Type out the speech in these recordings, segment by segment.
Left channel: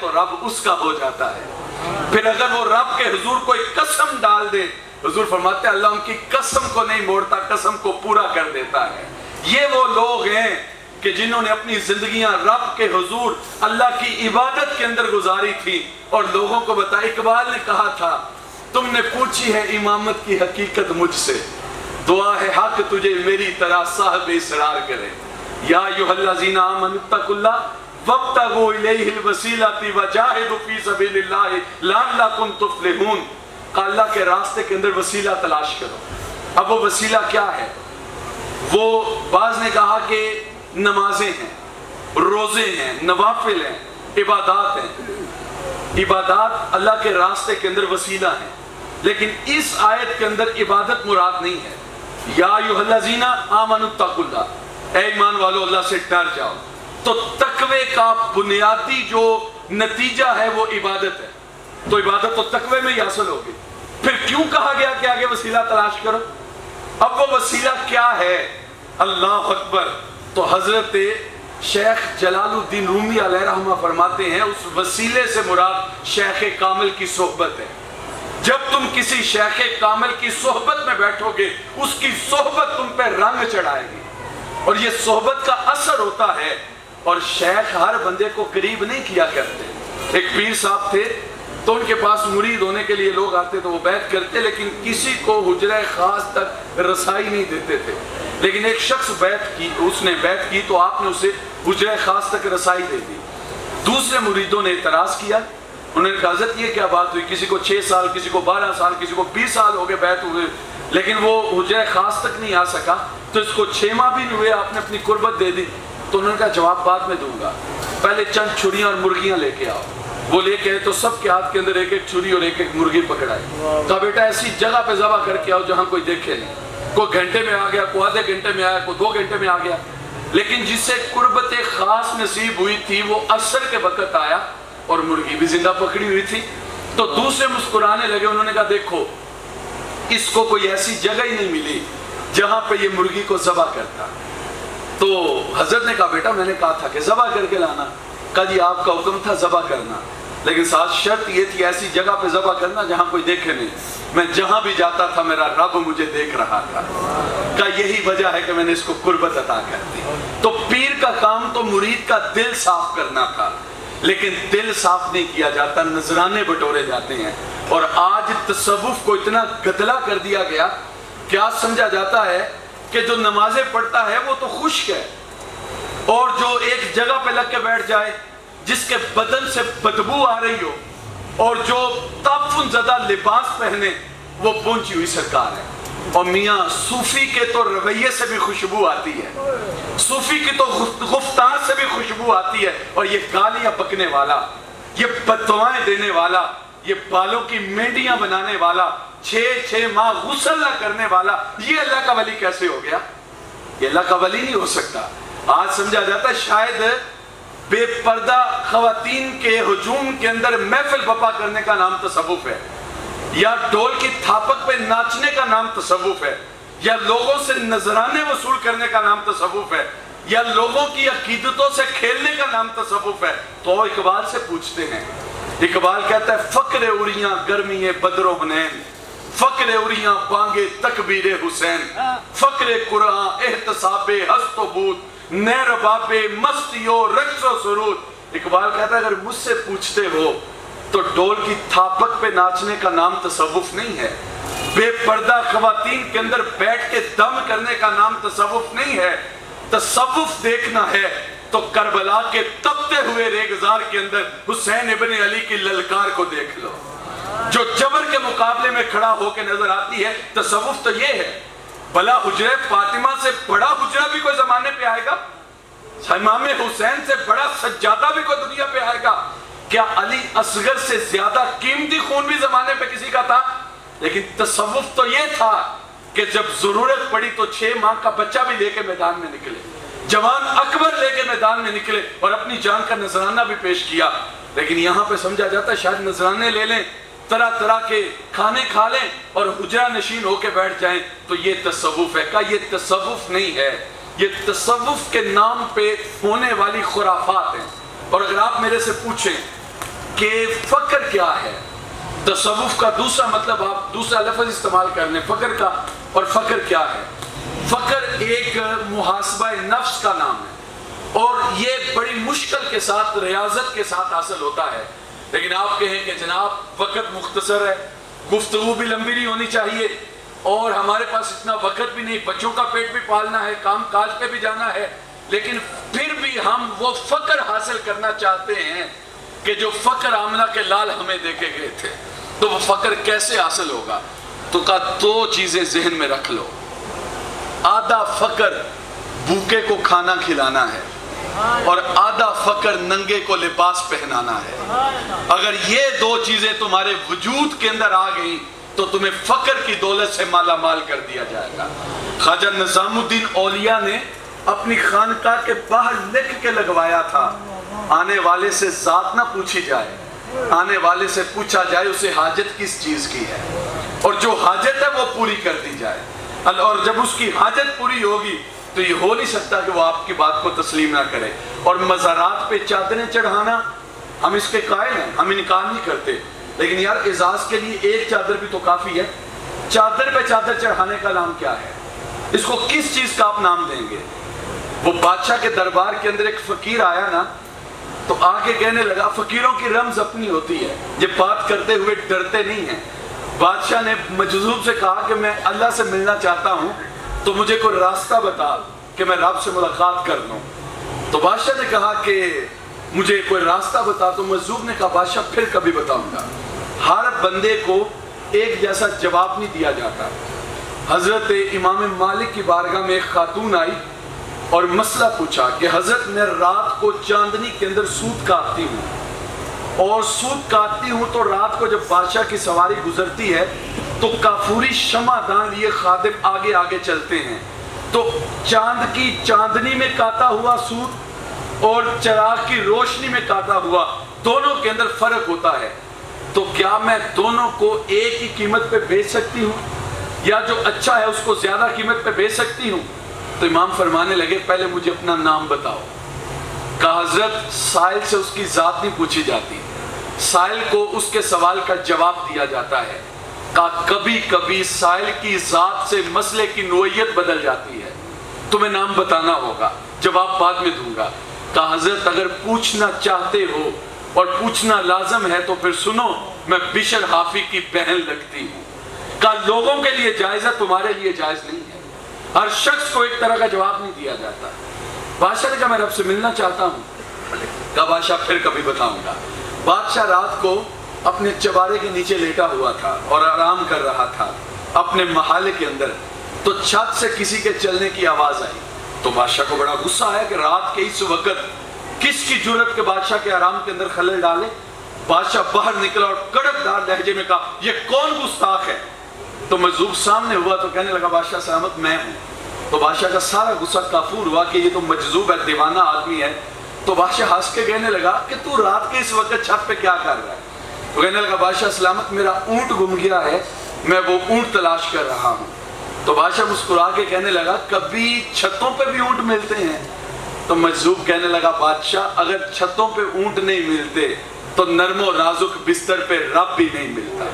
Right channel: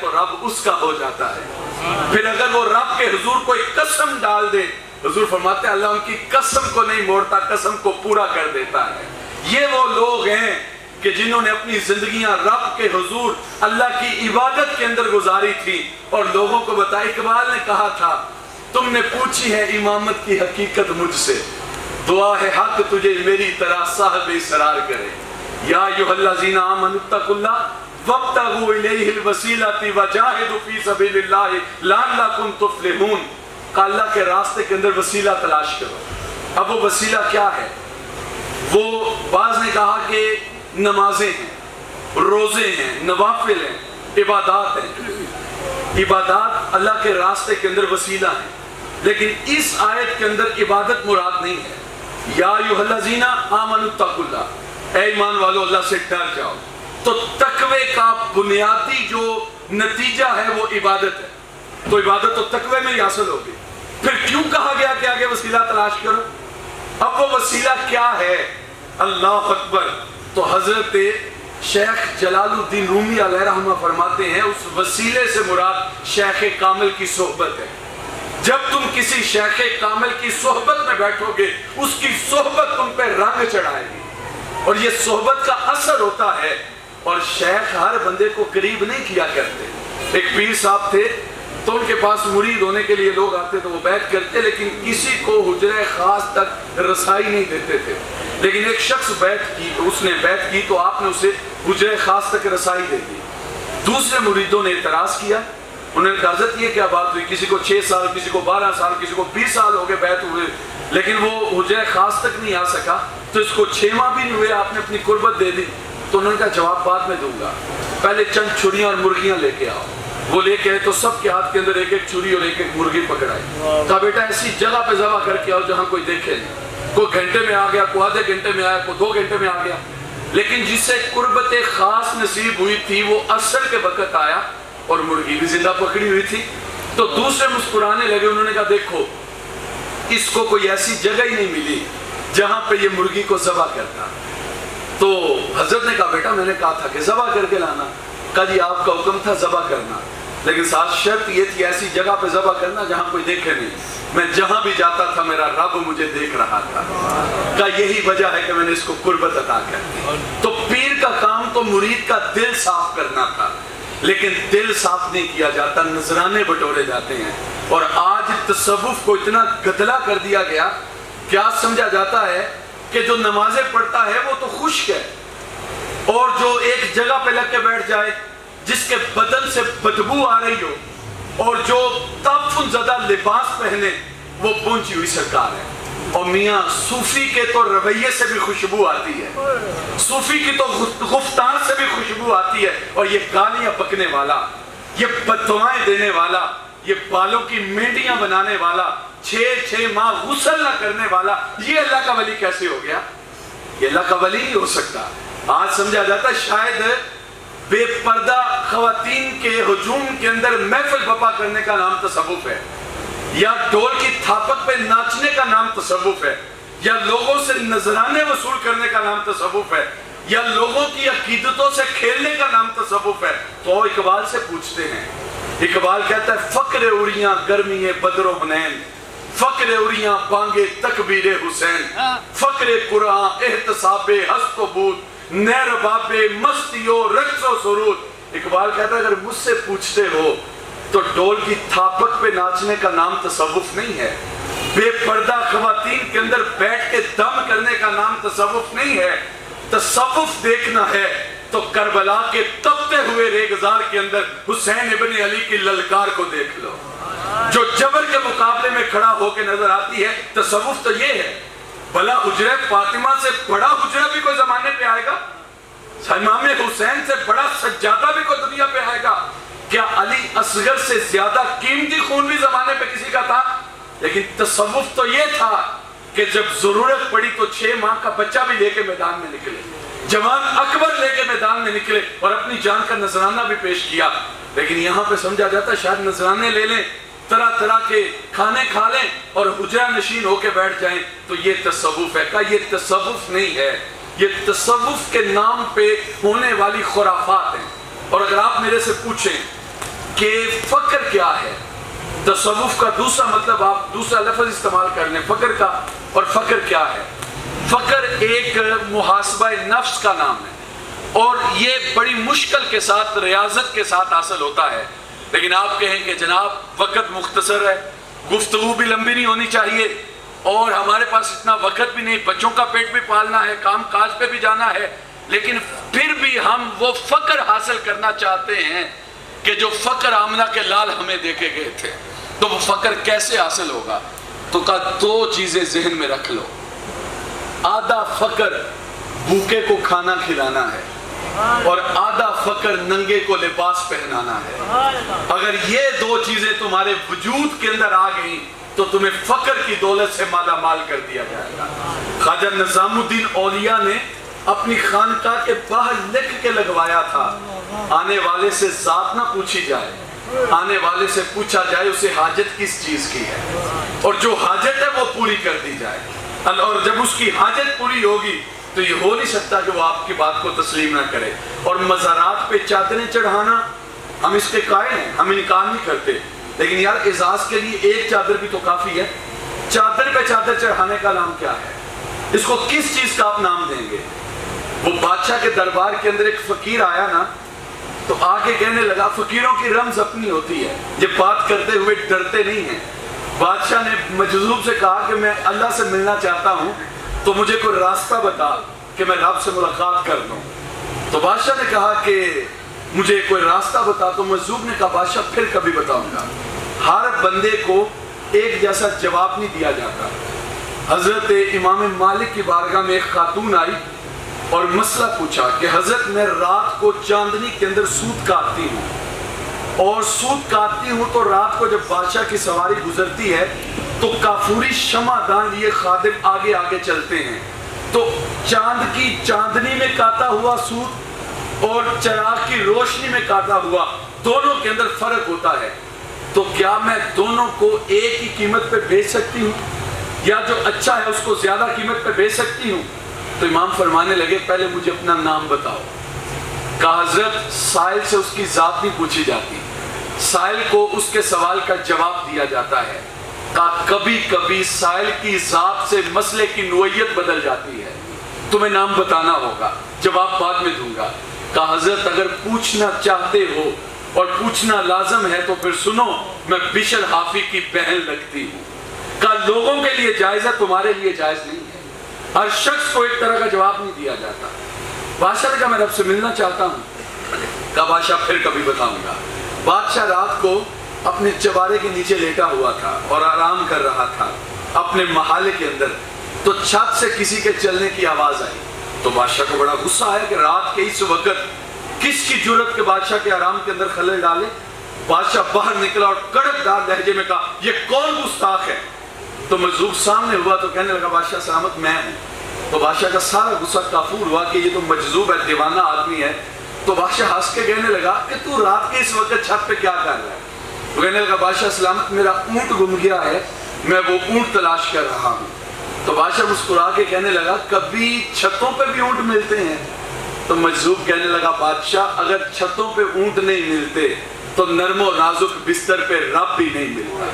تو رب اس کا ہو جاتا ہے۔ پھر اگر وہ رب کے حضور کوئی قسم ڈال دے، حضور فرماتے ہیں اللہ ان کی قسم کو نہیں موڑتا، قسم کو پورا کر دیتا ہے۔ یہ وہ لوگ ہیں کہ جنہوں نے اپنی زندگیاں رب کے حضور اللہ کی عبادت کے اندر گزاری تھی اور لوگوں کو بتایا۔ اقبال نے کہا تھا تم نے پوچھی ہے امامت کی حقیقت مجھ سے، دعا ہے حق تجھے میری طرح صاحب اسرار کرے۔ یا ایھا الذین آمنوا اتقوا اللہ وابتغوا الیہ الوسیلۃ وجاہدوا فی سبیل اللہ لعلکم تفلحون۔ اللہ کے راستے کے اندر وسیلہ تلاش کرو۔ اب وہ وسیلہ کیا ہے؟ وہ بعض نے کہا کہ نمازیں ہیں، روزے ہیں، نوافل ہیں، عبادات ہیں۔ عبادات اللہ کے راستے کے اندر وسیلہ ہیں، لیکن اس آیت کے اندر عبادت مراد نہیں ہے۔ یا ایھا الذین آمنوا اتقوا اللہ، اے ایمان والو اللہ سے ڈر جاؤ۔ تو تقوی کا بنیادی جو نتیجہ ہے وہ عبادت ہے، تو عبادت تو تقوی میں ہی حاصل ہوگی۔ پھر کیوں کہا گیا کہ آگے وسیلہ تلاش کرو؟ اب وہ وسیلہ کیا ہے؟ اللہ اکبر۔ تو حضرت شیخ جلال الدین رومی علیہ رحمہ فرماتے ہیں اس وسیلے سے مراد شیخ کامل کی صحبت ہے۔ جب تم کسی شیخ کامل کی صحبت میں بیٹھو گے، اس کی صحبت تم پہ رنگ چڑھائے گی، اور یہ صحبت کا اثر ہوتا ہے۔ اور شیخ ہر بندے کو قریب نہیں کیا کرتے۔ ایک پیر صاحب تھے تو ان کے پاس مرید ہونے کے لیے لوگ آتے تو وہ بیعت کرتے، لیکن کسی کو حجرہ خاص تک رسائی نہیں دیتے تھے۔ لیکن ایک شخص اس نے بیعت کی تو آپ نے اسے حجرہ خاص تک رسائی دے دی۔ دوسرے مریدوں نے اعتراض کیا، انہوں نے کہا حضرت یہ کیا بات ہوئی؟ کسی کو 6 سال، کسی کو 12 سال، کسی کو 20 سال ہو گئے بیعت ہوئے، لیکن وہ حجرہ خاص تک نہیں آ سکا، تو اس کو 6 ماہ بھی نہیں ہوئے آپ نے اپنی قربت دے دی۔ تو انہوں نے کہا جواب بعد میں دوں گا، پہلے چند چھریاں اور مرغیاں لے کے آؤ۔ وہ لے کے آئے تو سب کے ہاتھ کے اندر ایک ایک چھری اور ایک ایک مرغی پکڑائی۔ کہا بیٹا ایسی جگہ پہ ذبح کر کے آؤ جہاں کوئی دیکھے نہیں۔ کوئی گھنٹے میں آ گیا، کوئی آدھے گھنٹے میں آیا، کوئی 2 گھنٹے میں آ گیا، لیکن جسے قربت خاص نصیب ہوئی تھی وہ عصر کے وقت آیا اور مرغی بھی زندہ پکڑی ہوئی تھی۔ تو دوسرے مسکرانے لگے، انہوں نے کہا دیکھو اس کو کوئی ایسی جگہ ہی نہیں ملی جہاں پہ یہ مرغی کو ذبح کرتا۔ تو حضرت نے کہا بیٹا میں نے کہا تھا کہ ذبح کر کے لانا۔ کہا جی آپ کا حکم تھا ذبح کرنا، لیکن ساتھ شرط یہ تھی ایسی جگہ پہ ذبح کرنا جہاں کوئی دیکھے نہیں۔ میں جہاں بھی جاتا تھا میرا رب مجھے دیکھ رہا تھا۔ کہا یہی وجہ ہے کہ میں نے اس کو قربت عطا کر دی۔ تو پیر کا کام تو مرید کا دل صاف کرنا تھا، لیکن دل صاف نہیں کیا جاتا، نذرانے بٹورے جاتے ہیں۔ اور آج تصوف کو اتنا گدلا کر دیا گیا، کیا سمجھا جاتا ہے کہ جو نمازیں پڑھتا ہے وہ تو خشک ہے، اور جو ایک جگہ پہ لگ کے بیٹھ جائے جس کے بدن سے بدبو آ رہی ہو اور جو تعفن زدہ لباس پہنے وہ پہنچی ہوئی سرکار ہے۔ اور میاں صوفی کے تو رویے سے بھی خوشبو آتی ہے، صوفی کی تو گفتار سے بھی خوشبو آتی ہے، اور یہ گالیاں بکنے والا، یہ بددعائیں دینے والا، یہ بالوں کی مینڈیاں بنانے والا، 6 ماہ غسل نہ کرنے والا، یہ اللہ کا ولی کیسے ہو گیا؟ یہ اللہ کا ولی نہیں ہو سکتا۔ آج سمجھا جاتا ہے شاید بے پردہ خواتین کے ہجوم کے اندر محفل بپا کرنے کا نام تصوف ہے، یا ڈھول کی تھاپک پہ ناچنے کا نام تصوف ہے، یا لوگوں سے نذرانے وصول کرنے کا نام تصوف ہے، یا لوگوں کی عقیدتوں سے کھیلنے کا نام تصوف ہے۔ تو اقبال سے پوچھتے ہیں، اقبال کہتا ہے فقر اڑیاں گرمی بدر و حنین، فقر اڑیاں بانگے تکبیر حسین، فقر قرآن احتساب ہست و بود، نیر باب مستی و رقص و سرود۔ اقبال کہتا ہے اگر مجھ سے پوچھتے ہو تو ڈول کی تھاپک پہ ناچنے کا نام تصوف نہیں ہے، بے پردہ خواتین کے اندر بیٹھ کے دم کرنے کا نام تصوف نہیں ہے۔ تصوف دیکھنا ہے تو کربلا کے تپتے ہوئے ریگزار کے اندر حسین ابن علی کی للکار کو دیکھ لو، جو جبر کے مقابلے میں کھڑا ہو کے نظر آتی ہے۔ تصوف تو یہ ہے، بھلا حجرہ فاطمہ سے بڑا حجرہ بھی کوئی زمانے پہ آئے گا؟ امام حسین سے بڑا سجادہ بھی کوئی دنیا پہ آئے گا؟ کیا علی اصغر سے زیادہ قیمتی خون بھی زمانے پہ کسی کا تھا؟ لیکن تصوف تو یہ تھا کہ جب ضرورت پڑی تو 6 ماہ کا بچہ بھی لے کے میدان میں نکلے، جوان اکبر لے کے میدان میں نکلے اور اپنی جان کا نذرانہ بھی پیش کیا۔ لیکن یہاں پہ سمجھا جاتا ہے شاید نذرانے لے لیں، طرح طرح کے کھانے کھا لیں اور حجرہ نشین ہو کے بیٹھ جائیں تو یہ تصوف ہے۔ کا یہ تصوف نہیں ہے، یہ تصوف کے نام پہ ہونے والی خرافات ہیں۔ اور اگر آپ میرے سے پوچھیں کہ فقر کیا ہے. تصوف کا دوسرا مطلب آپ دوسرا لفظ استعمال کر لیں فقر کا. اور فقر کیا ہے؟ فقر ایک محاسبہ نفس کا نام ہے اور یہ بڑی مشکل کے ساتھ ریاضت کے ساتھ حاصل ہوتا ہے. لیکن آپ کہیں کہ جناب وقت مختصر ہے, گفتگو بھی لمبی نہیں ہونی چاہیے اور ہمارے پاس اتنا وقت بھی نہیں, بچوں کا پیٹ بھی پالنا ہے, کام کاج پہ بھی جانا ہے, لیکن پھر بھی ہم وہ فقر حاصل کرنا چاہتے ہیں کہ جو فقر آمنہ کے لال ہمیں دے کے گئے تھے. تو وہ فقر کیسے حاصل ہوگا؟ تو کہا دو چیزیں ذہن میں رکھ لو. آدھا فقر بھوکے کو کھانا کھلانا ہے اور آدھا فقر ننگے کو لباس پہنانا ہے. اگر یہ دو چیزیں تمہارے وجود کے اندر آ گئیں تو تمہیں فقر کی دولت سے مالا مال کر دیا جائے گا. خواجہ نظام الدین اولیاء نے اپنی خانقاہ کے باہر لکھ کے لگوایا تھا, آنے والے سے ذات نہ پوچھی جائے, آنے والے سے پوچھا جائے اسے حاجت کس چیز کی ہے اور جو حاجت ہے وہ پوری کر دی جائے. اور جب اس کی حاجت پوری ہوگی تو یہ ہو نہیں سکتا کہ وہ آپ کی بات کو تسلیم نہ کرے. اور مزارات پہ چادریں چڑھانا ہم اس کے قائل ہیں, ہم انکار نہیں کرتے, لیکن یار اعزاز کے لیے ایک چادر بھی تو کافی ہے. چادر پہ چادر چڑھانے کا نام کیا ہے؟ اس کو کس چیز کا آپ نام دیں گے؟ وہ بادشاہ کے دربار کے اندر ایک فقیر آیا نا تو آگے کہنے لگا, فقیروں کی رمز اپنی ہوتی ہے, یہ بات کرتے ہوئے ڈرتے نہیں ہیں. بادشاہ نے مجذوب سے کہا کہ میں اللہ سے ملنا چاہتا ہوں تو مجھے کوئی راستہ بتا کہ میں رب سے ملاقات کر لوں. تو بادشاہ نے کہا کہ مجھے کوئی راستہ بتا. تو مجذوب نے کہا بادشاہ پھر کبھی بتاؤں گا. ہر بندے کو ایک جیسا جواب نہیں دیا جاتا. حضرت امام مالک کی بارگاہ میں ایک خاتون آئی اور مسئلہ پوچھا کہ حضرت میں رات کو چاندنی کے اندر سوت کاٹتی ہوں اور سوت کاٹتی ہوں تو رات کو جب بادشاہ کی سواری گزرتی ہے تو کافوری شمع دان لیے خادم آگے آگے چلتے ہیں, تو چاند کی چاندنی میں کاٹا ہوا سوت اور چراغ کی روشنی میں کاٹا ہوا دونوں کے اندر فرق ہوتا ہے, تو کیا میں دونوں کو ایک ہی قیمت پہ بیچ سکتی ہوں یا جو اچھا ہے اس کو زیادہ قیمت پہ بیچ سکتی ہوں؟ تو امام فرمانے لگے پہلے مجھے اپنا نام بتاؤ. کہا حضرت سائل سے اس کی ذات نہیں پوچھی جاتی, سائل کو اس کے سوال کا جواب دیا جاتا ہے. کہا کبھی کبھی سائل کی ذات سے مسئلے کی نوعیت بدل جاتی ہے, تمہیں نام بتانا ہوگا, جواب بعد میں دوں گا. کہا حضرت اگر پوچھنا چاہتے ہو اور پوچھنا لازم ہے تو پھر سنو, میں بشر حافی کی بہن لگتی ہوں. کہا لوگوں کے لیے جائز ہے, تمہارے لیے جائز نہیں ہے. ہر شخص کو ایک طرح کا جواب نہیں دیا جاتا. بادشاہ نے کہا میں رب سے ملنا چاہتا ہوں. کہا بادشاہ پھر کبھی بتاؤں گا. بادشاہ رات کو اپنے چوارے کے نیچے لیٹا ہوا تھا اور آرام کر رہا تھا اپنے محلے کے اندر, تو چھت سے کسی کے چلنے کی آواز آئی. تو بادشاہ کو بڑا غصہ آیا کہ رات کے اس وقت کس کی جرت کے بادشاہ کے آرام کے اندر خلل ڈالے. بادشاہ باہر نکلا اور کڑک دار لہجے میں کہا یہ کون گستاخ ہے؟ تو مجذوب سامنے ہوا تو کہنے لگا بادشاہ سلامت میں ہوں. تو بادشاہ کا سارا غصہ کافور ہوا کہ یہ تو مجذوب ہے, دیوانہ آدمی ہے. تو بادشاہ ہنس کے کہنے لگا کہ تو رات کے اس وقت چھت پہ کیا کر رہا ہے؟ تو کہنے لگا بادشاہ سلامت میرا اونٹ گم گیا ہے, میں وہ اونٹ تلاش کر رہا ہوں. تو بادشاہ مسکرا کے کہنے لگا کبھی چھتوں پہ بھی اونٹ ملتے ہیں؟ تو مجذوب کہنے لگا بادشاہ اگر چھتوں پہ اونٹ نہیں ملتے تو نرم و نازک بستر پہ رب بھی نہیں ملتا.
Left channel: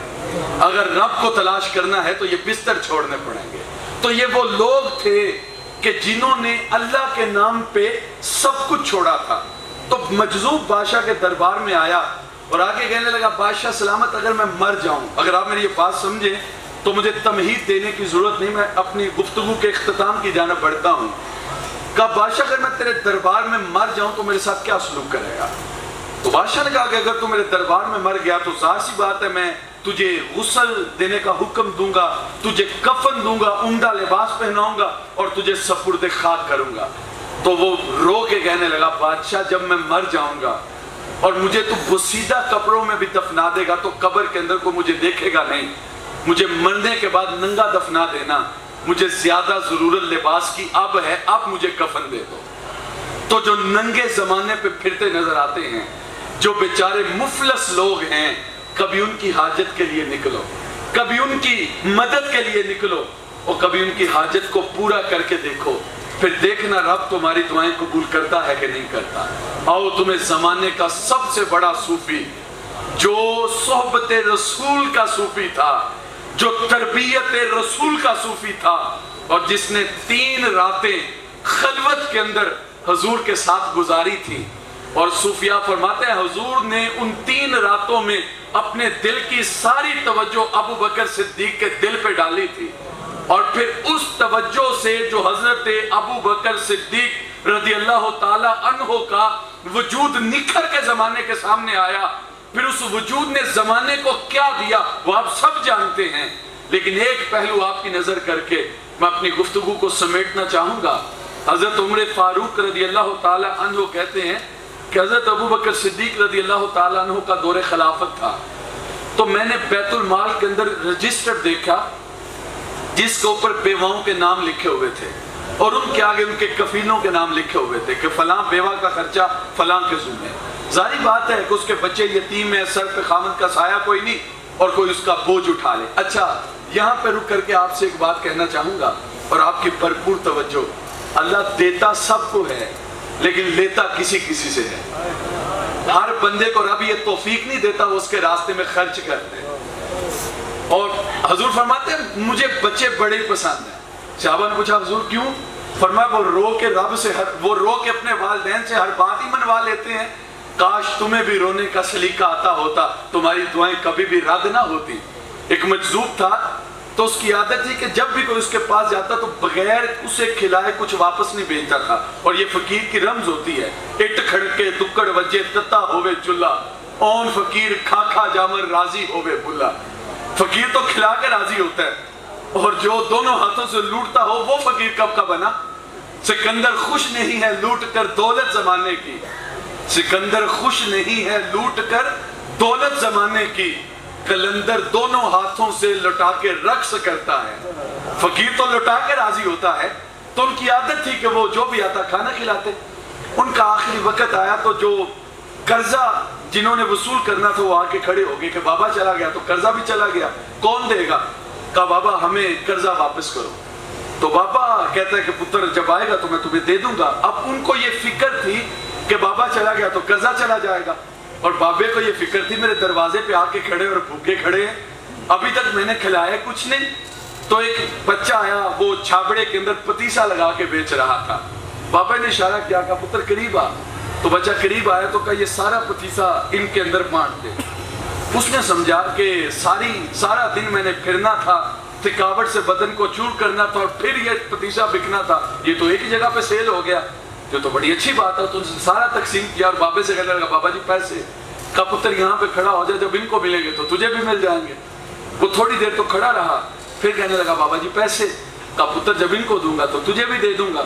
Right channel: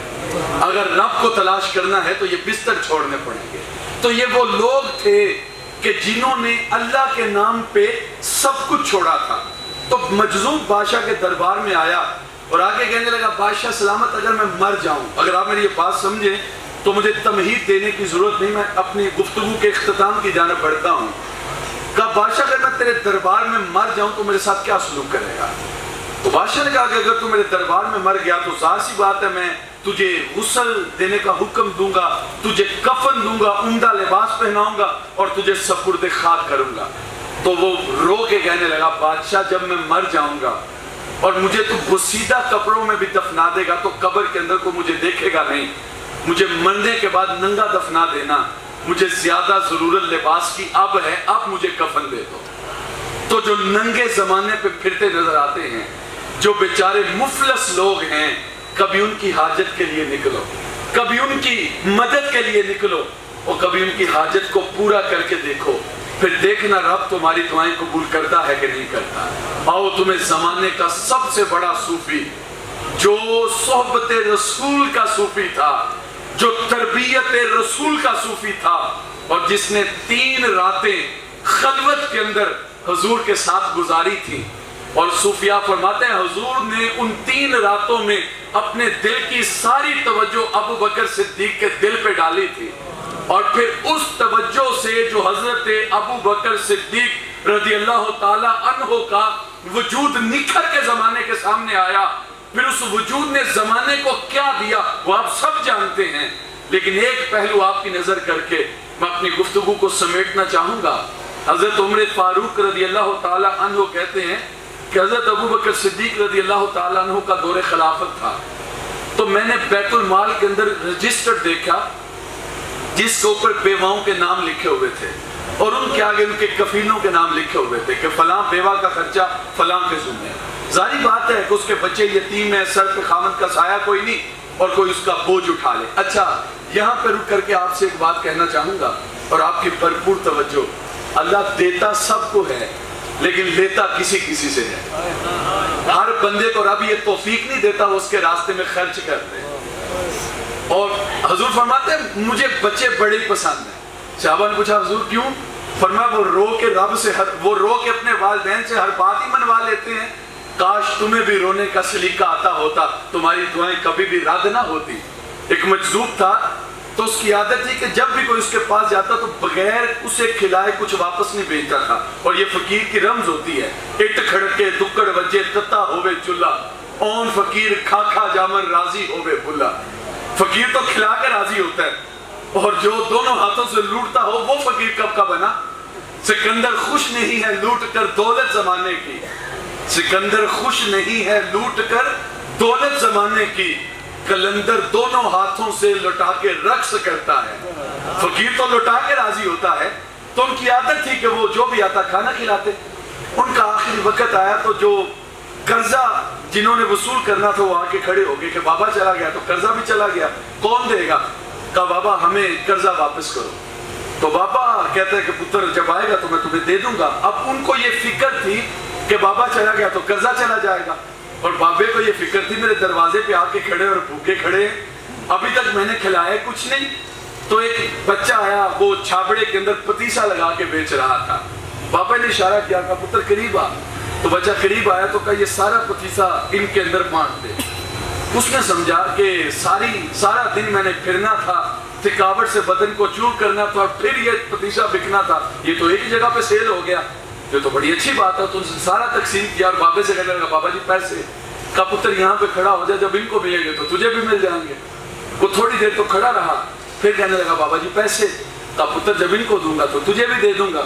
اگر رب کو تلاش کرنا ہے تو یہ بستر چھوڑنے پڑیں گے. تو یہ وہ لوگ تھے کہ جنہوں نے اللہ کے نام پہ سب کچھ چھوڑا تھا. تو مجذوب بادشاہ کے دربار میں آیا اور آگے کہنے لگا بادشاہ سلامت اگر میں مر جاؤں, اگر آپ میری یہ بات سمجھیں تو مجھے تمہید دینے کی ضرورت نہیں, میں اپنی گفتگو کے اختتام کی جانب بڑھتا ہوں. کہا بادشاہ اگر میں تیرے دربار میں مر جاؤں تو میرے ساتھ کیا سلوک کرے گا؟ تو بادشاہ نے کہا کہ اگر تو میرے دربار میں مر گیا تو ظاہر سی بات ہے میں تجھے غسل دینے کا حکم دوں گا, تجھے کفن دوں گا, عمدہ لباس پہناؤں گا اور تجھے سپرد خاک کروں گا. تو وہ رو کے کہنے لگا بادشاہ جب میں مر جاؤں گا اور مجھے تو بسیدہ کپڑوں میں بھی دفنا دے گا تو قبر کے اندر کو مجھے دیکھے گا نہیں, مجھے مرنے کے بعد ننگا دفنا دینا, مجھے زیادہ ضرورت لباس کی اب ہے, اب مجھے کفن دے دو. تو جو ننگے زمانے پہ پھرتے نظر آتے ہیں, جو بیچارے مفلس لوگ ہیں, کبھی ان کی حاجت کے لیے نکلو, کبھی ان کی مدد کے لیے نکلو اور کبھی ان کی حاجت کو پورا کر کے دیکھو, پھر دیکھنا رب تمہاری دعائیں قبول کرتا ہے کہ نہیں کرتا. آؤ تمہیں زمانے کا سب سے بڑا صوفی جو صحبت رسول کا صوفی تھا، جو تربیت رسول کا صوفی تھا، اور جس نے 3 راتیں خلوت کے اندر حضور کے ساتھ گزاری تھی. اور صوفیاء فرماتے ہیں حضور نے ان 3 راتوں میں اپنے دل کی ساری توجہ ابو بکر صدیق کے دل پہ ڈالی تھی، اور پھر اس توجہ سے جو حضرت ابو بکر صدیق رضی اللہ تعالی عنہ کا وجود نکھر کے زمانے کے سامنے آیا، پھر اس وجود نے زمانے کو کیا دیا وہ آپ سب جانتے ہیں. لیکن ایک پہلو آپ کی نظر کر کے میں اپنی گفتگو کو سمیٹنا چاہوں گا. حضرت عمر فاروق رضی اللہ تعالی عنہ کہتے ہیں کہ حضرت ابو بکر صدیق رضی اللہ تعالی عنہ کا دور خلافت تھا، تو میں نے بیت المال کے اندر رجسٹر دیکھا جس کے اوپر بیواؤں کے نام لکھے ہوئے تھے، اور ان کے آگے ان کے کفیلوں کے نام لکھے ہوئے تھے کہ فلاں بیوہ کا خرچہ فلاں کے ذمہ. ظاہری بات ہے کہ اس کے بچے یتیم ہیں، سر پہ خامد کا سایہ کوئی نہیں اور کوئی اس کا بوجھ اٹھا لے. اچھا، یہاں پہ رک کر کے آپ سے ایک بات کہنا چاہوں گا اور آپ کی بھرپور توجہ. اللہ دیتا سب کو ہے لیکن لیتا کسی کسی سے ہے. ہر بندے کو رب یہ توفیق نہیں دیتا وہ اس کے راستے میں خرچ کر دے. اور حضور فرماتے ہیں مجھے بچے بڑے ہی پسند ہیں. صحابہ نے پوچھا حضور کیوں؟ فرمایا وہ رو کے رب سے وہ رو کے اپنے والدین سے ہر بات ہی منوا لیتے ہیں. کاش تمہیں بھی رونے کا سلیقہ آتا ہوتا، تمہاری دعائیں کبھی بھی رد نہ ہوتی. ایک مجذوب تھا تو اس کی عادت تھی کہ جب بھی کوئی اس کے پاس جاتا تو بغیر اسے کھلائے کچھ واپس نہیں بھیجتا تھا. اور یہ فقیر کی رمز ہوتی ہے. اٹ کھڑکے دکڑ وجے تتا ہوئے چلا، اون فقیر کھا کھا جامر راضی ہوئے بھلا. فقیر تو کھلا کے راضی ہوتا ہے، اور جو دونوں ہاتھوں سے لوٹتا ہو وہ فقیر کب کا بنا. سکندر خوش نہیں ہے لوٹ کر دولت زمانے کی، سکندر خوش نہیں ہے لوٹ کر دولت زمانے کی، کلندر دونوں ہاتھوں سے لٹا کے رقص کرتا ہے. فقیر تو لٹا کے راضی ہوتا ہے، تو ان کی عادت تھی کہ وہ جو بھی آتا کھانا کھلاتے. ان کا آخری وقت آیا تو جو قرضہ جنہوں نے وصول کرنا تھا وہ آ کے کھڑے ہو گئے کہ بابا چلا گیا تو قرضہ بھی چلا گیا، کون دے گا؟ کہا بابا ہمیں قرضہ واپس کرو. تو بابا کہتا ہے کہ پتر جب آئے گا تو میں تمہیں دے دوں گا. اب ان کو یہ فکر تھی کہ بابا چلا گیا تو قرضہ چلا جائے گا، اور بابے کو یہ فکر تھی میرے دروازے پہ آ کے کھڑے اور بھوکے کھڑے ہیں، ابھی تک میں نے کھلایا کچھ نہیں. تو ایک بچہ آیا، وہ چھابڑے کے اندر پتیسا لگا کے بیچ رہا تھا. بابا نے اشارہ کیا، کہا پتر قریب آ. تو بچہ قریب آیا تو کہا یہ سارا پتیسا ان کے اندر بانٹ دے. اس نے سمجھا کہ سارا دن میں نے پھرنا تھا، تھکاوٹ سے بدن کو چور کرنا تھا، اور پھر یہ پتیسا بکنا تھا، یہ تو ایک جگہ پہ سیل ہو گیا، یہ تو بڑی اچھی بات ہے. تو ان سے سارا تقسیم کیا اور بابے سے کہنے لگا بابا جی پیسے. کہا پتر یہاں پہ کھڑا ہو جائے، جب ان کو ملیں گے تو تجھے بھی مل جائیں گے. وہ تھوڑی دیر تو کھڑا رہا، پھر کہنے لگا بابا جی پیسے. کہا پتر جب ان کو دوں گا تو تجھے بھی دے دوں گا.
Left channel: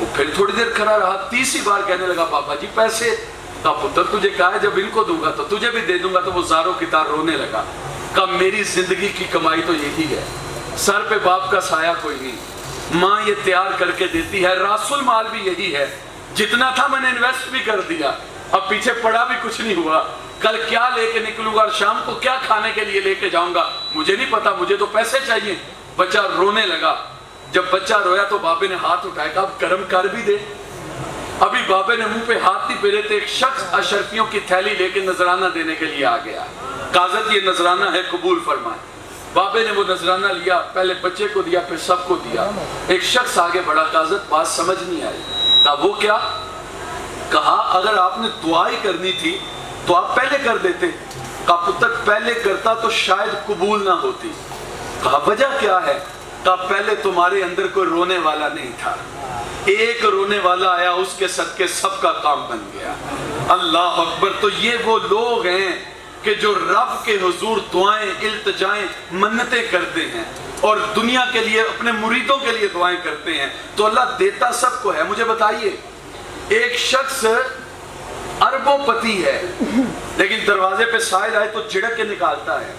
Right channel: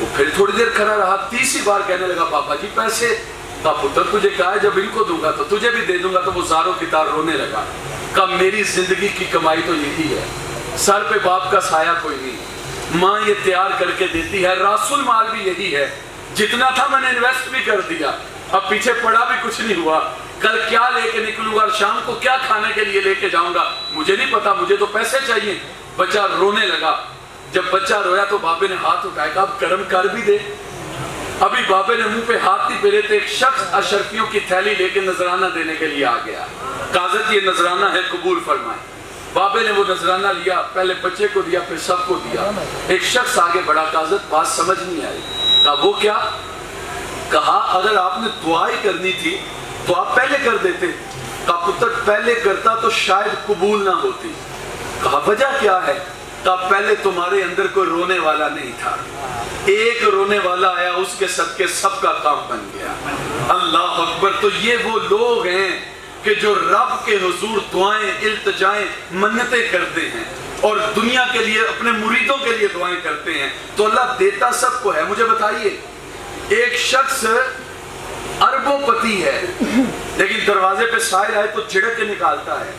وہ پھر تھوڑی دیر کھڑا رہا، تیسری بار کہنے لگا بابا جی پیسے. کہا پتر تجھے کہا ہے جب ان کو دوں گا تو تجھے بھی دے دوں گا. تو وہ زاروں کی طرح رونے لگا. کہا میری زندگی کی کمائی تو یہی ہے، سر پہ باپ کا سایہ کوئی نہیں، ماں یہ تیار کر کے دیتی ہے، راس المال بھی یہی ہے، جتنا تھا میں نے انویسٹ بھی کر دیا، اب پیچھے پڑا بھی کچھ نہیں ہوا. کل کیا لے کے نکلوں گا اور شام کو کیا کھانے کے لیے لے کے جاؤں گا مجھے نہیں پتا، مجھے تو پیسے چاہیے. بچہ رونے لگا. جب بچہ رویا تو بابے نے ہاتھ اٹھایا، کہا اب کرم کر بھی دے. ابھی بابے نے منہ پہ ہاتھ نہیں پھیرے تھے، ایک شخص اشرفیوں کی تھیلی لے کے نذرانہ دینے کے لیے آ گیا. قاضی یہ نذرانہ ہے قبول فرمائے. بابے نے وہ نذرانہ لیا، پہلے بچے کو دیا پھر سب کو دیا. ایک شخص آگے بڑھا، قاضی بات سمجھ نہیں آئی. کہا وہ کیا؟ کہا اگر آپ نے دعائیں کرنی تھی تو آپ پہلے کر دیتے. کہا پتر پہلے کرتا تو شاید قبول نہ ہوتی. کہا وجہ کیا ہے؟ کہا پہلے تمہارے اندر کوئی رونے والا نہیں تھا، ایک رونے والا آیا، اس کے صدقے سب کا کام بن گیا. اللہ اکبر. تو یہ وہ لوگ ہیں کہ جو رب کے حضور دعائیں، التجائیں، منتیں کرتے ہیں اور دنیا کے لیے اپنے مریدوں کے لیے دعائیں کرتے ہیں. تو اللہ دیتا سب کو ہے. مجھے بتائیے ایک شخص اربوں پتی ہے لیکن دروازے پہ سائل آئے تو جھڑک کے نکالتا ہے،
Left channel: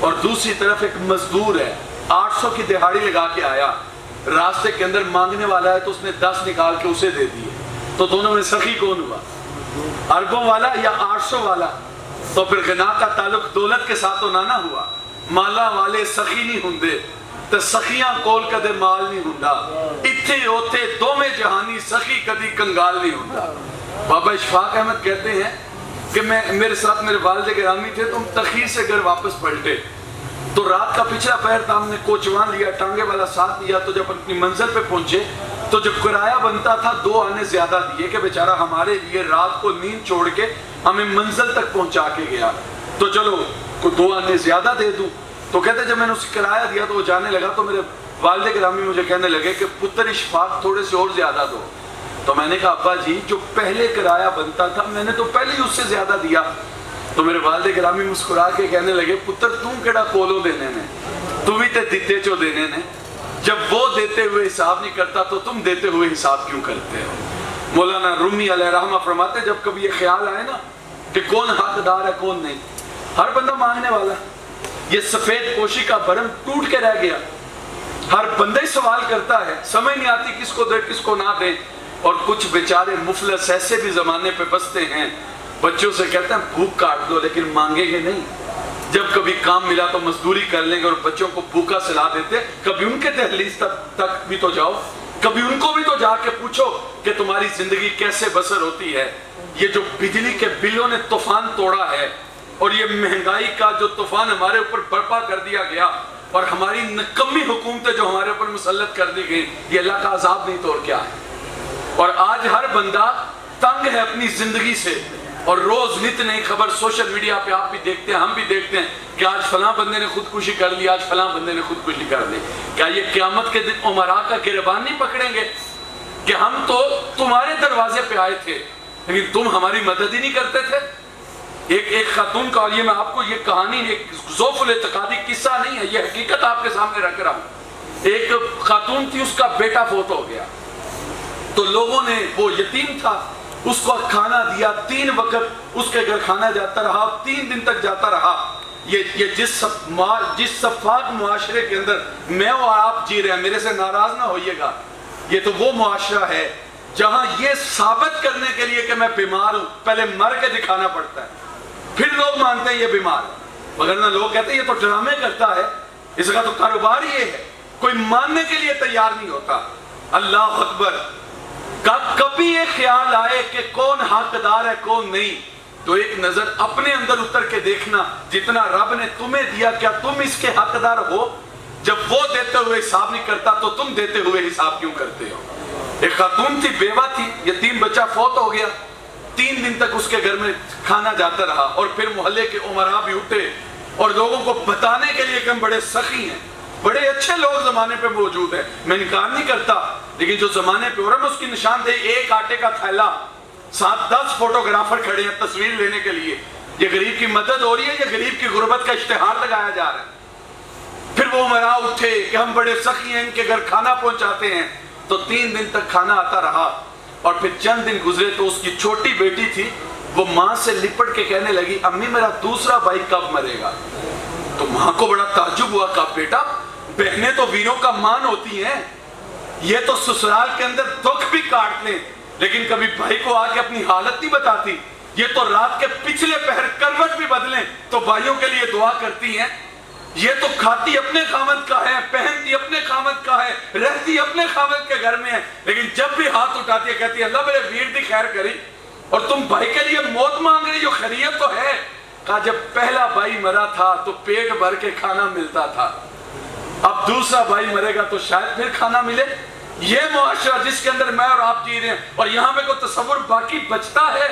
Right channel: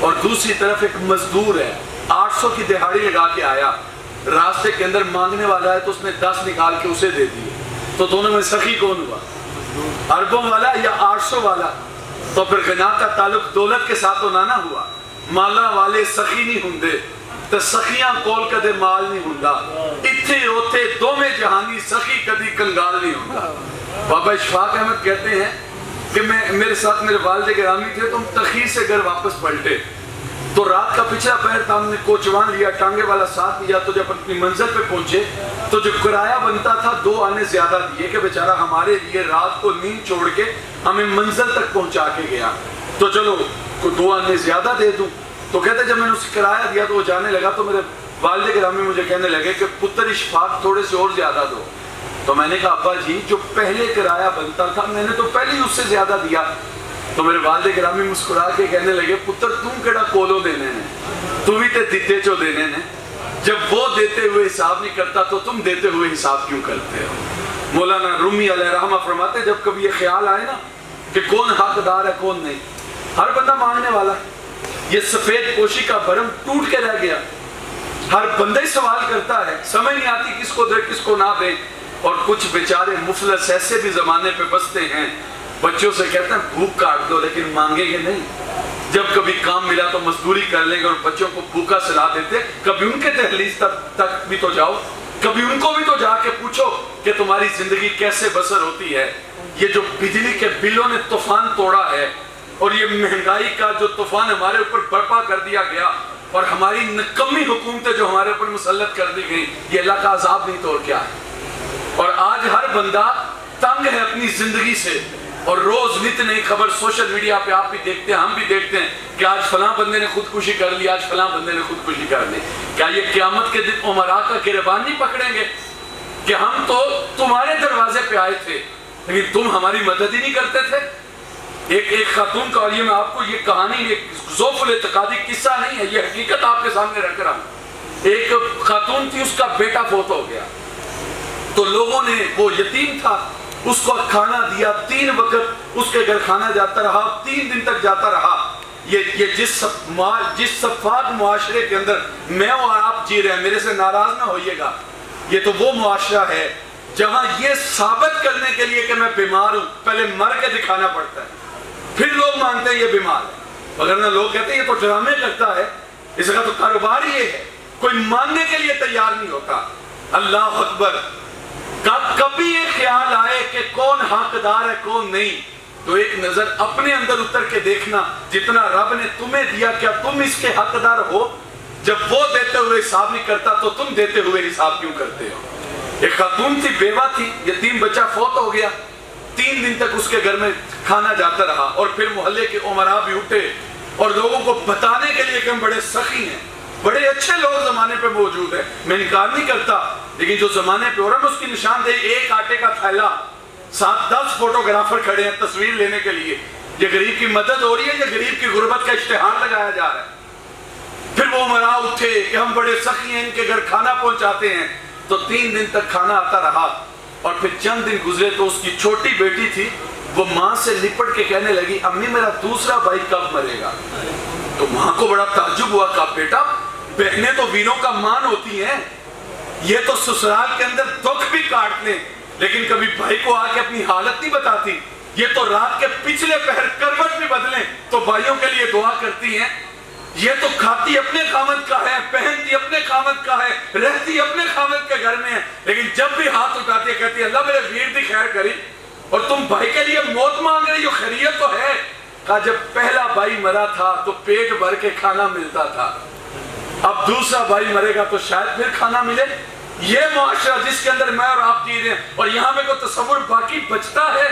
اور دوسری طرف ایک مزدور ہے 800 کی دہاڑی لگا کے آیا، راستے کے اندر مانگنے والا ہے تو اس نے 10 نکال کے اسے دے دیے. تو دونوں میں سخی کون ہوا؟ اربوں والا یا 800 والا؟ تو پھر غنا کا تعلق دولت کے ساتھ تو نہ ہوا. مالا والے سخی نہیں ہوندے تے سخیاں کول کدے مال نہیں ہوندا، اتھے اوتھے دوویں جہانی سخی کدی کنگال نہیں ہوندا. بابا اشفاق احمد کہتے ہیں کہ میرے ساتھ میرے والد گرامی تھے تو ہم تخیر سے گھر واپس پلٹے تو رات کا پچھلا پہر تھا, ہم نے کوچوان لیا, ٹانگے والا ساتھ لیا. تو جب اپنی منزل پہ پہنچے تو جو کرایہ بنتا تھا 2 آنے زیادہ دیے کہ بیچارہ ہمارے لیے رات کو نیند چھوڑ کے ہمیں منزل تک پہنچا کے گیا, تو چلو 2 آنے زیادہ دے دوں. تو کہتے جب میں نے اسے کرایہ دیا تو وہ جانے لگا تو میرے والد گرامی مجھے کہنے لگے کہ پتر اشفاق تھوڑے سے اور زیادہ دو. تو میں نے کہا ابا جی جو پہلے کرایہ بنتا تھا میں نے تو پہلے ہی اس سے زیادہ دیا. تو میرے والد گرامی مسکرا کے کہنے لگے پتر تم کیڑا کولو دینے نے, تم ہی تے دیتے چو دینے نے. جب وہ دیتے ہوئے حساب نہیں کرتا تو تم دیتے ہوئے حساب کیوں کرتے ہو. مولانا رومی علیہ رحمہ فرماتے جب کبھی یہ خیال آئے نا کہ کون حقدار ہے کون نہیں, ہر بندہ مانگنے والا, یہ سفید پوشی کا بھرم ٹوٹ کے رہ گیا. ہر بندہ ہی سوال کرتا ہے, سمجھ نہیں آتی کس کو دے کس کو نہ دے. اور کچھ بیچارے مفلس ایسے بھی زمانے پہ بستے ہیں, بچوں سے کہتے ہیں بھوک کاٹ دو لیکن مانگیں گے نہیں. جب کبھی کام ملا تو مزدوری کر لیں گے اور بچوں کو بھوکا سلا دیتے. کبھی ان کے دہلیز تک بھی تو جاؤ, کبھی ان کو بھی تو جا کے پوچھو کہ تمہاری زندگی کیسے بسر ہوتی ہے. یہ جو بجلی کے بلوں نے طوفان توڑا ہے اور یہ مہنگائی کا جو طوفان ہمارے اوپر برپا کر دیا گیا اور ہماری نکمی حکومتیں جو ہمارے اوپر مسلط کر دی گئی, یہ اللہ کا عذاب نہیں تو اور کیا ہے. اور آج ہر بندہ تنگ ہے اپنی زندگی سے, اور روز نت نئی خبر سوشل میڈیا پہ آپ بھی دیکھتے ہیں ہم بھی دیکھتے ہیں کہ آج فلاں بندے نے خودکشی کر لی, آج فلاں بندے نے خودکشی کر لی. کیا یہ قیامت کے دن عمراء کا گریبان نہیں پکڑیں گے کہ ہم تو تمہارے دروازے پہ آئے تھے لیکن تم ہماری مدد ہی نہیں کرتے تھے. ایک خاتون کا, اور یہ میں آپ کو یہ کہانی ایک ذوف الاعتقادی قصہ نہیں ہے, یہ حقیقت آپ کے سامنے رکھ رہا ہوں. ایک خاتون تھی, اس کا بیٹا فوت ہو گیا تو لوگوں نے, وہ یتیم تھا, اس کو کھانا دیا, 3 وقت اس کے گھر کھانا جاتا رہا, 3 دن تک جاتا رہا. یہ جس شفاف معاشرے کے اندر میں اور آپ جی رہے ہیں, میرے سے ناراض نہ ہوئیے گا, یہ تو وہ معاشرہ ہے جہاں یہ ثابت کرنے کے لیے کہ میں بیمار ہوں پہلے مر کے دکھانا پڑتا ہے, پھر لوگ مانتے ہیں یہ بیمار ہے. وگرنہ لوگ کہتے ہیں یہ تو ڈرامے کرتا ہے, اس کا تو کاروبار یہ ہے. کوئی ماننے کے لیے تیار نہیں ہوتا. اللہ اکبر. کبھی یہ خیال آئے کہ کون حقدار ہے کون نہیں, تو ایک نظر اپنے اندر اتر کے دیکھنا, جتنا رب نے تمہیں دیا کیا تم اس کے حقدار ہو؟ جب وہ دیتے ہوئے حساب نہیں کرتا تو تم دیتے ہوئے حساب کیوں کرتے ہو؟ ایک خاتون تھی, بیوہ تھی, یتیم بچہ فوت ہو گیا, 3 دن تک اس کے گھر میں کھانا جاتا رہا. اور پھر محلے کے عمراء بھی اٹھے اور لوگوں کو بتانے کے لیے کہ ہم بڑے سخی ہیں, بڑے اچھے لوگ زمانے پہ موجود ہیں, میں انکار نہیں کرتا, لیکن جو زمانے پہ ہو رہا ہے اس کی نشاندہی ایک آٹے کا تھیلا, 7-10 فوٹوگرافر کھڑے ہیں تصویر لینے کے لیے. یہ غریب کی مدد ہو رہی ہے, یہ غریب کی غربت کا اشتہار لگایا جا رہا ہے. پھر وہ عمراء اٹھے کہ ہم بڑے سخی ہیں, ان کے گھر کھانا پہنچاتے ہیں. تو 3 دن تک کھانا آتا رہا. اور پھر چند دن گزرے تو اس کی چھوٹی بیٹی تھی, وہ ماں سے لپٹ کے کہنے لگی امی میرا دوسرا بھائی کب مرے گا؟ تو ماں کو بڑا تعجب ہوا, کہا بیٹا بہنیں تو ویروں کا مان ہوتی ہیں, یہ تو سسرال کے اندر دکھ بھی کاٹ لیں لیکن کبھی بھائی کو آ کے اپنی حالت نہیں بتاتی. یہ تو رات کے پچھلے پہر کروٹ بھی بدلیں تو بھائیوں کے لیے دعا کرتی ہیں. یہ تو کھاتی اپنے خامد کا ہے, پہنتی اپنے خامد کا ہے, رہتی اپنے خامد کے گھر میں ہے, لیکن جب بھی ہاتھ اٹھاتی ہے کہتی ہے اللہ میرے ویر دی خیر کری, اور تم بھائی کے لیے موت مانگ رہی ہو, خیریت تو ہے. کہا جب پہلا بھائی مرا تھا تو پیٹ بھر کے کھانا ملتا تھا, اب دوسرا بھائی مرے گا تو شاید پھر کھانا ملے. یہ معاشرہ جس کے اندر میں اور آپ جی رہے ہیں, اور یہاں میں کوئی تصور باقی بچتا ہے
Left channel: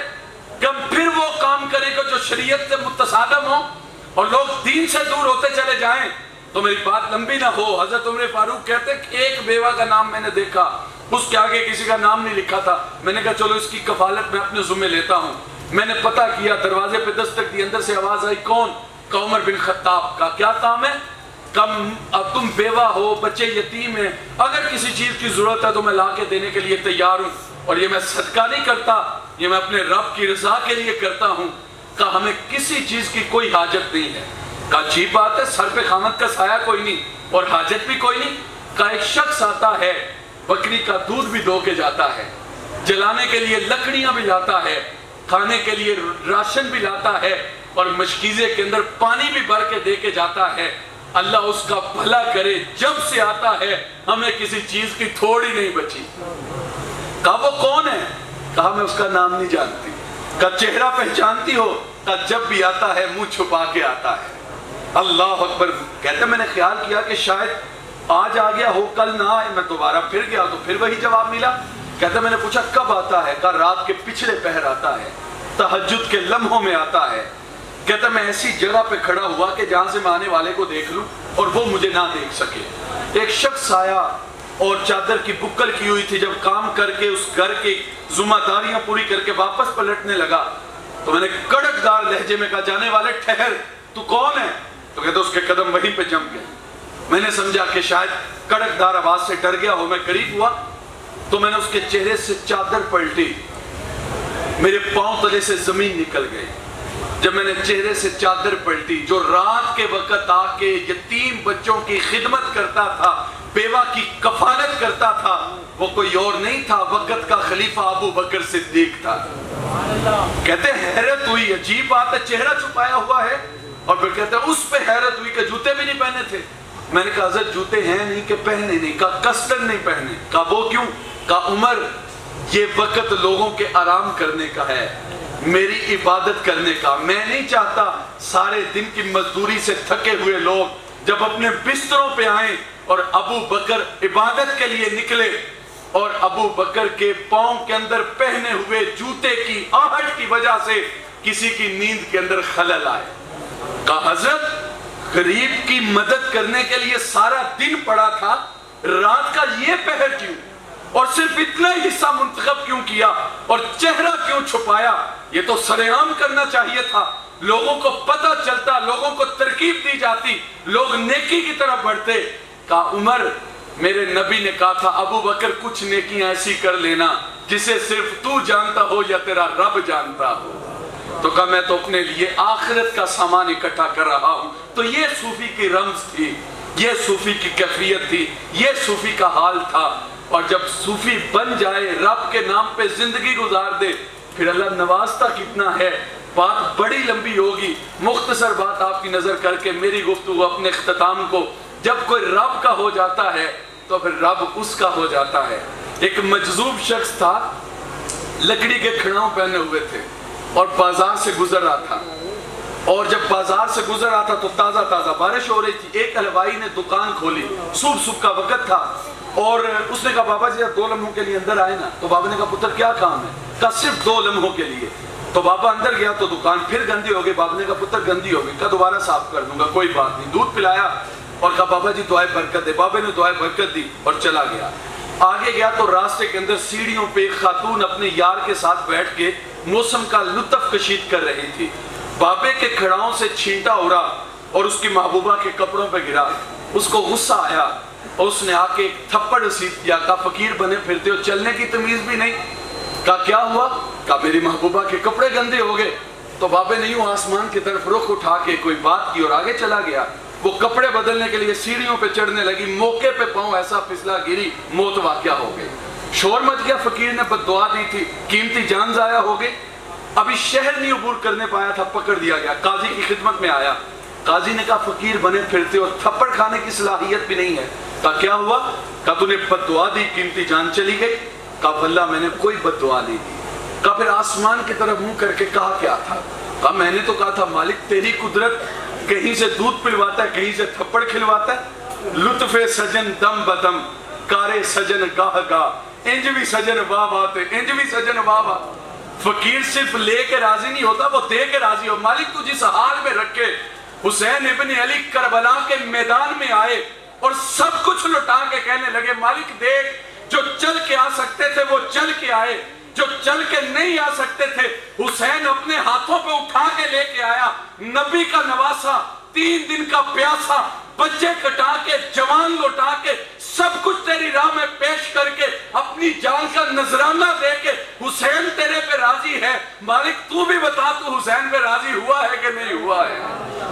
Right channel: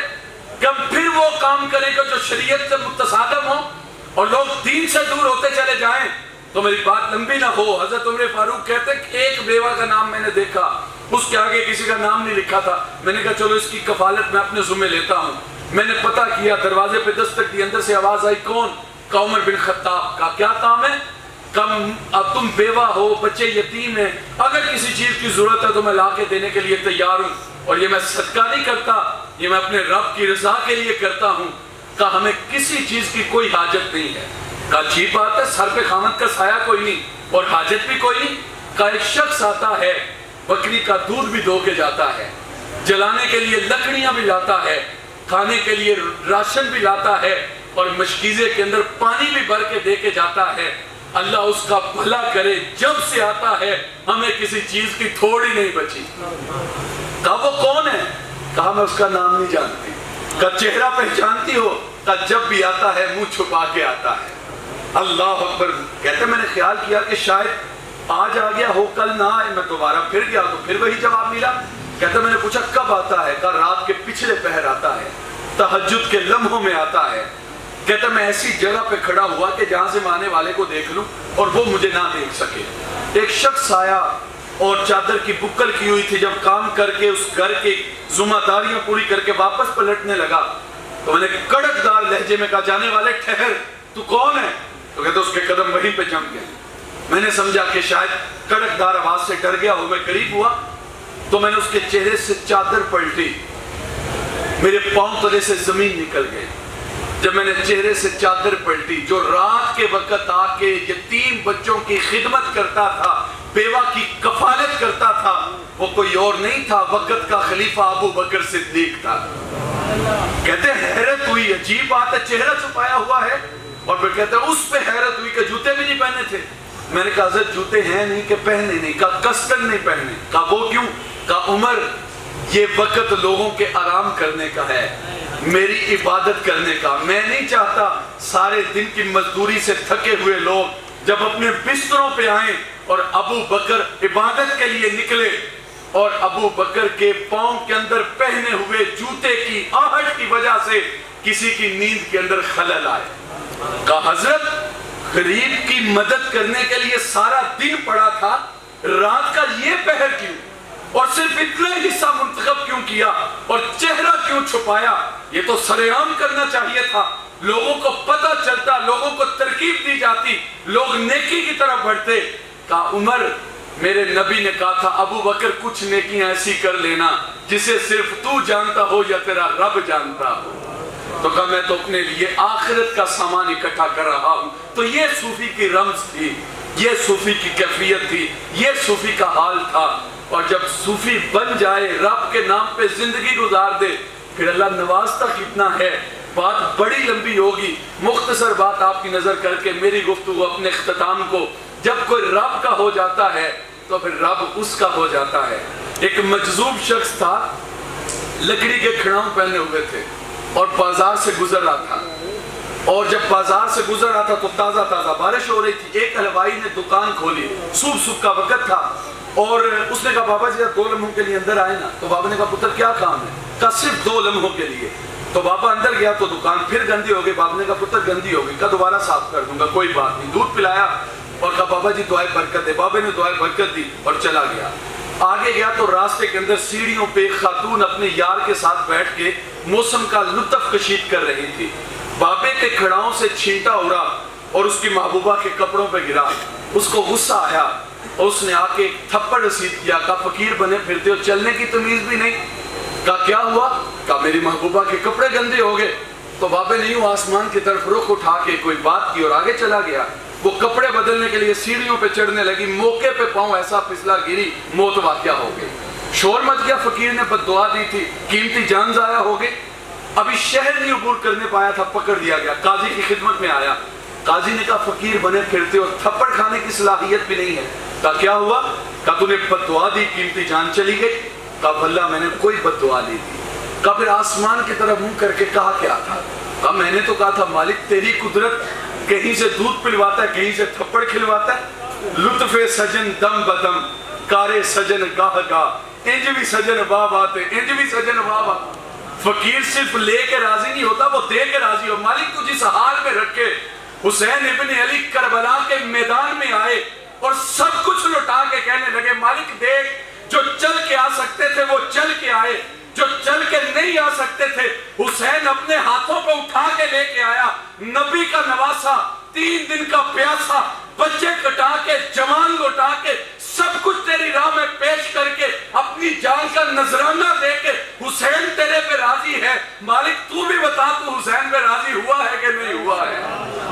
کہ ہم پھر وہ کام کریں گے جو شریعت سے متصادم ہو اور لوگ دین سے دور ہوتے چلے جائیں. تو میری بات لمبی نہ ہو, حضرت عمر فاروق کہتے ہیں کہ ایک بیوہ کا نام میں نے دیکھا, اس کے آگے کسی کا نام نہیں لکھا تھا. میں نے کہا چلو اس کی کفالت میں اپنے ذمہ لیتا ہوں. میں نے پتہ کیا, دروازے پہ دستک دی, اندر سے آواز آئی کون؟ کہ عمر بن خطاب. کا کیا کام ہے؟ اب تم بیوہ ہو, بچے یتیم ہیں, اگر کسی چیز کی ضرورت ہے تو میں لا کے دینے کے لیے تیار ہوں, اور یہ میں صدقہ نہیں کرتا, یہ میں اپنے رب کی رضا کے لیے کرتا ہوں. کہا ہمیں کسی چیز کی کوئی حاجت نہیں ہے. کہا عجیب بات ہے, سر پہ خامد کا سایہ کوئی نہیں اور حاجت بھی کوئی نہیں. کہا ایک شخص آتا ہے, بکری کا دودھ بھی دھو کے جاتا ہے, جلانے کے لیے لکڑیاں بھی لاتا ہے, کھانے کے لیے راشن بھی لاتا ہے, اور مشکیزے کے اندر پانی بھی بھر کے دے کے جاتا ہے. اللہ اس کا بھلا کرے, جب سے آتا ہے ہمیں کسی چیز کی تھوڑی نہیں بچی. کہا وہ کون ہے؟ کہا میں اس کا نام نہیں جانتی. کا چہرہ پہچانتی ہو؟ کا جب بھی آتا ہے منہ چھپا کے آتا ہے۔ اللہ اکبر۔ کہتے میں نے خیال کیا کہ شاید آج آ گیا ہو کل نہ آئے، میں دوبارہ پھر گیا تو پھر وہی جواب ملا۔ کہتے میں نے پوچھا کب آتا ہے؟ کہا رات کے پچھلے پہر آتا ہے، تہجد کے لمحوں میں آتا ہے۔ کہتا میں ایسی جگہ پہ کھڑا ہوا کہ جہاں سے میں آنے والے کو دیکھ لوں اور وہ مجھے نہ دیکھ سکے۔ ایک شخص آیا اور چادر کی بکل کی ہوئی تھی، جب کام کر کے اس گھر کی ذمہ داریاں پوری کر کے واپس پلٹنے لگا تو میں نے کڑک دار لہجے میں کہا جانے والے ٹھہر، تو کون ہے؟ تو کہتے اس کے قدم وہیں پہ جم گئے۔ میں نے سمجھا کہ شاید کڑک دار آواز سے ڈر گیا ہو، میں قریب ہوا تو میں نے اس کے چہرے سے چادر پلٹی، میرے پاؤں تلے سے زمین نکل گئی۔ جب میں نے چہرے سے چادر پلٹی، جو رات کے وقت آ کے یتیم بچوں کی خدمت کرتا تھا، بیوہ کی کفالت کرتا تھا، وہ کوئی اور نہیں تھا، وقت کا خلیفہ ابو بکر صدیق تھا۔ کہتے ہیں حیرت ہوئی، عجیب بات ہے، چہرہ چھپایا ہوا ہے۔ اور پھر کہتے ہیں اس پہ حیرت ہوئی کہ جوتے بھی نہیں پہنے تھے۔ میں نے کہا حضرت جوتے ہیں نہیں کہ پہنے نہیں؟ کہا کسٹن نہیں پہنے۔ کہا وہ کیوں؟ کہا عمر یہ وقت لوگوں کے آرام کرنے کا ہے، میری عبادت کرنے کا۔ میں نہیں چاہتا سارے دن کی مزدوری سے تھکے ہوئے لوگ جب اپنے بستروں پہ آئیں اور ابو بکر عبادت کے لیے نکلے اور ابو بکر کے پاؤں کے اندر پہنے ہوئے جوتے کی آہٹ کی وجہ سے کسی کی نیند کے اندر خلل آئے۔ کہا حضرت غریب کی مدد کرنے کے لیے سارا دن پڑا تھا، رات کا یہ پہر کیوں؟ اور صرف اتنا حصہ منتخب کیوں کیا اور چہرہ کیوں چھپایا؟ یہ تو سرعام کرنا چاہیے تھا، لوگوں کو پتہ چلتا، لوگوں کو ترکیب دی جاتی، لوگ نیکی کی طرف بڑھتے۔ کہا عمر میرے نبی نے کہا تھا ابو بکر کچھ نیکیاں ایسی کر لینا جسے صرف تو جانتا ہو یا تیرا رب جانتا ہو۔ تو کہا میں تو اپنے لیے آخرت کا سامان اکٹھا کر رہا ہوں۔ تو یہ صوفی کی رمز تھی، یہ صوفی کی کیفیت تھی، یہ صوفی کا حال تھا۔ اور جب صوفی بن جائے، رب کے نام پہ زندگی گزار دے، پھر اللہ نوازتا کتنا ہے۔ بات بڑی لمبی ہوگی، مختصر بات آپ کی نظر کر کے میری گفتگو اپنے اختتام کو، جب کوئی رب کا ہو جاتا ہے تو پھر رب اس کا ہو جاتا ہے۔ ایک مجذوب شخص تھا، لکڑی کے کھڑاؤں پہنے ہوئے تھے اور بازار سے گزر رہا تھا، اور جب بازار سے گزر رہا تھا تو تازہ تازہ بارش ہو رہی تھی۔ ایک حلوائی نے دکان کھولی، صبح کا وقت تھا، اور اس نے کہا بابا جی 2 لمحوں کے لیے اندر آئے نا۔ تو بابا نے کہا پتر کیا کام ہے؟ کہا صرف 2 لمحوں کے لیے۔ تو بابا اندر گیا تو دکان پھر گندی ہو گئی۔ بابا نے کہا پتر گندی ہو گئی، کہا دوبارہ صاف کر دوں گا، کوئی بات نہیں۔ دودھ پلایا اور کہا بابا جی دعائے برکت دے۔ بابا نے دعائے برکت دی اور چلا گیا۔ آگے گیا تو راستے کے اندر سیڑھیوں پہ ایک خاتون اپنے یار کے ساتھ بیٹھ کے موسم کا لطف کشید کر رہی تھی۔ بابے کے کھڑاؤں سے چھینٹا اڑا اور اس کی محبوبہ کے کپڑوں پہ گرا۔ اس کو غصہ آیا اور اس نے آ کے ایک تھپڑ رسید کیا۔ کہا فقیر بنے پھرتے ہو، چلنے کی تمیز بھی نہیں۔ کہا کیا ہوا؟ کہا میری محبوبہ کے کپڑے گندے ہو گئے۔ تو بابے نے یوں آسمان کی طرف رخ اٹھا کے کوئی بات کی اور آگے چلا گیا۔ وہ کپڑے بدلنے کے لیے سیڑھیوں پہ چڑھنے لگی، موقع پہ پاؤں ایسا پھسلا گری، موت واقعہ ہو گئی۔ شور مچ گیا، فقیر نے بد دعا دی تھی، قیمتی جان ضائع ہو گئی۔ ابھی شہر نہیں عبور کرنے پایا تھا، پکڑ دیا گیا، قاضی کی خدمت میں آیا۔ قاضی نے کہا فقیر بنے پھرتے اور تھپڑ کھانے کی صلاحیت بھی نہیں ہے۔ کہا کیا ہوا؟ کہا تو نے بد دعا دی، قیمتی جان چلی گئی۔ کہا واللہ میں نے کوئی بد دعا نہیں دی۔ کہا پھر آسمان کی طرف منہ کر کے کہا کیا تھا؟ کہا میں نے تو کہا تھا مالک تیری قدرت، کہیں سے دودھ پلواتا ہے، کہیں سے تھپڑ کھلواتا ہے۔ لطف سجن دم بدم، کارے سجن گاہ گاہ، انج بھی سجن واہ باتے، انج بھی سجن واہ باتے۔ فقیر صرف لے کے راضی نہیں ہوتا، وہ دے کے راضی ہو۔ مالک تو جس حال میں رکھے۔ حسین ابن علی کربلا کے میدان میں آئے اور سب کچھ لٹا کے کہنے لگے مالک دیکھ، جو چل کے آ سکتے تھے وہ چل کے آئے، جو چل کے نہیں آ سکتے تھے حسین اپنے ہاتھوں پہ اٹھا کے لے کے آیا۔ نبی کا نواسا، 3 دن کا پیاسا، بچے کٹا کے، جوان لوٹا کے، سب کچھ تیری راہ میں پیش کر کے، اپنی جان کا نذرانہ دے کے حسین تیرے پہ راضی ہے۔ مالک تو بھی بتا تو حسین پہ راضی ہوا ہے کہ نہیں ہوا ہے؟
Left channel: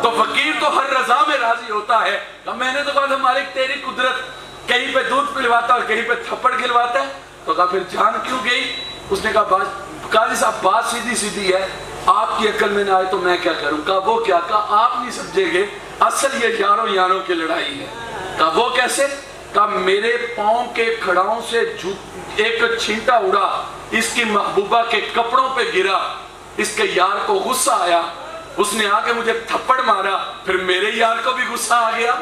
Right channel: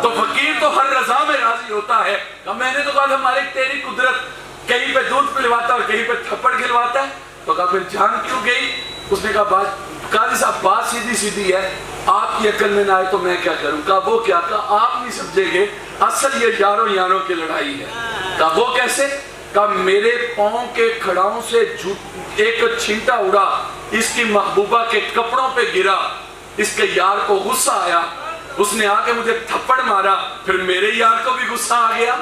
تو فقیر تو ہر رضا میں راضی ہوتا ہے۔ میں نے تو کہا تھا مالک تیری قدرت، کہیں پہ دودھ پلواتا اور کہیں پہ تھپڑ کھلواتا ہے۔ تو کہا پھر جان کیوں گئی؟ اس نے کہا قاضی صاحب بات سیدھی سیدھی ہے، آپ کی عقل میں نہ آئے تو میں کیا کروں؟ کہا وہ کیا؟ کہا آپ نہیں سمجھے گے، اصل یہ یاروں یاروں کی لڑائی ہے۔ کہا وہ کیسے؟ کہا میرے پاؤں کے کھڑاؤں سے ایک چھینٹا اڑا، اس کی محبوبہ کے کپڑوں پہ گرا، اس کے یار کو غصہ آیا، اس نے آ کے مجھے تھپڑ مارا، پھر میرے یار کو بھی غصہ آ گیا۔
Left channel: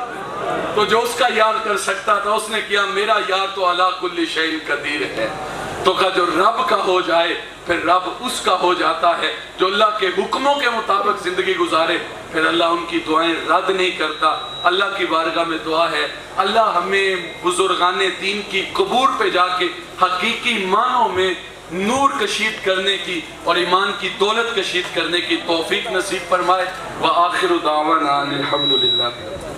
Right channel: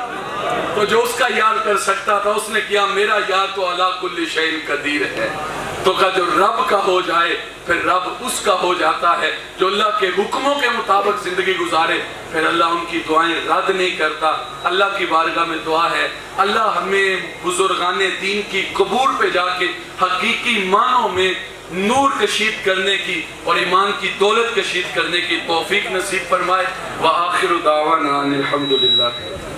تو جو اس کا یار کر سکتا تھا اس نے کیا، میرا یار تو علی کل شیء قدیر ہے۔ تو کہا جو رب کا ہو جائے پھر رب اس کا ہو جاتا ہے، جو اللہ کے حکموں کے مطابق زندگی گزارے پھر اللہ ان کی دعائیں رد نہیں کرتا۔ اللہ کی بارگاہ میں دعا ہے اللہ ہمیں بزرگان دین کی قبور پہ جا کے حقیقی معنوں میں نور کشید کرنے کی اور ایمان کی دولت کشید کرنے کی توفیق نصیب فرمائے۔ وآخر دعوانا الحمدللہ۔